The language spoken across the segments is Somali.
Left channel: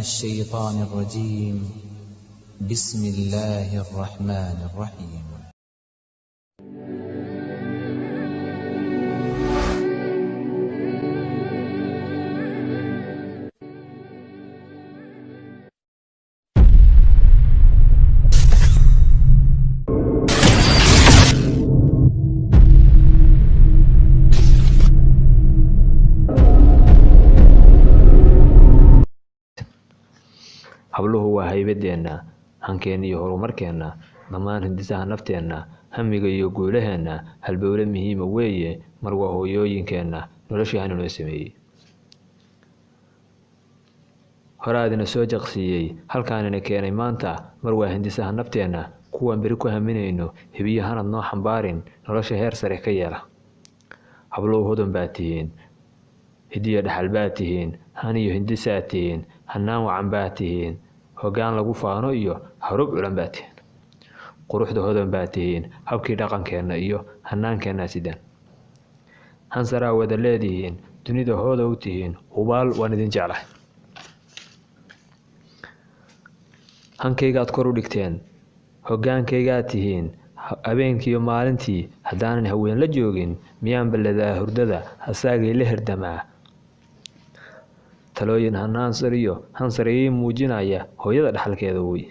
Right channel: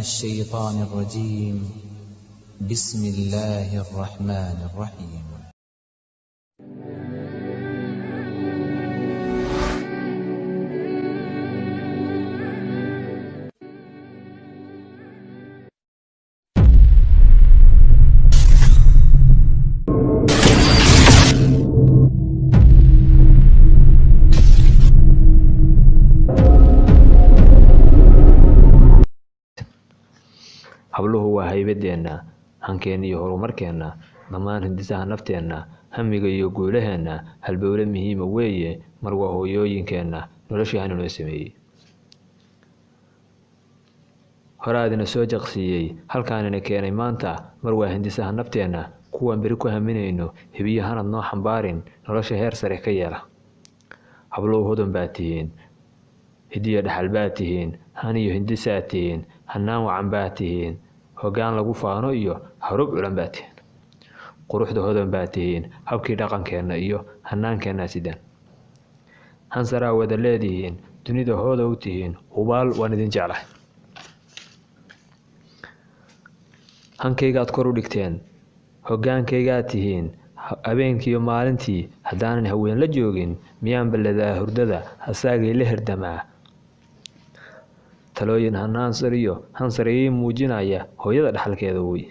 الشيطان الرجيم بسم الله الرحمن الرحيم habluhu waa haybadeena hankeena iyo horumarkeena dhammaan hindisaha nafteena hamiga iyo guulaheena halbowle muhiima weeye mar waa hooyooyinkeena noloshaana noo sameeyey horaadina soo jaqsiiyey halkaanina keenay maanta mar waa hindisaha nafteena kuwan beri ku haminayno hibiyahanad noo xambaarin nolosha heer sare ka yeela habluhu hodan baa tihiin hidiya dhaxal baa tihiin haniyo hindisaa tihiin hanaan wacan baa tihiin hoggaan lagu faano iyo harub culan baa tihiin quruxda hodan baa tihiin habkii dhaqankeena iyo hanaankeena sidan hansaraa wada leedihiin dunida hooda u tihiin hubaal waan idin jeclahay hankaygaad kor u dhigteen hoggaankaygaad tihiin habeenkiiyo maalintii haddaanan haween la joogin miyaan balladaa hurdada hasaagay la herdamaa talooyin hansar ii muujinaya hooyada dhaxalkeeda wey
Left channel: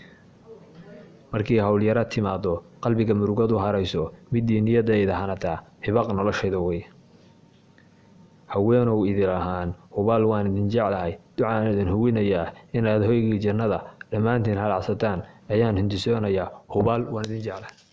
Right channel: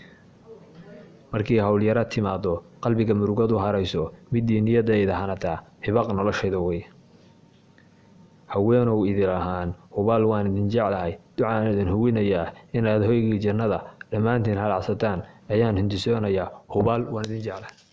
markii howlyaro timaado qalbiga murugadu harayso midii niyadayda hanataa hibaq noloshayda wey haweenow idil ahaan hubaal waan idin jeclahay ducaan idin hubinayaa inaad hoygii jannada dhammaantiin halacsataan ayaan hindisoonayaa hubaal waan idin jeclahay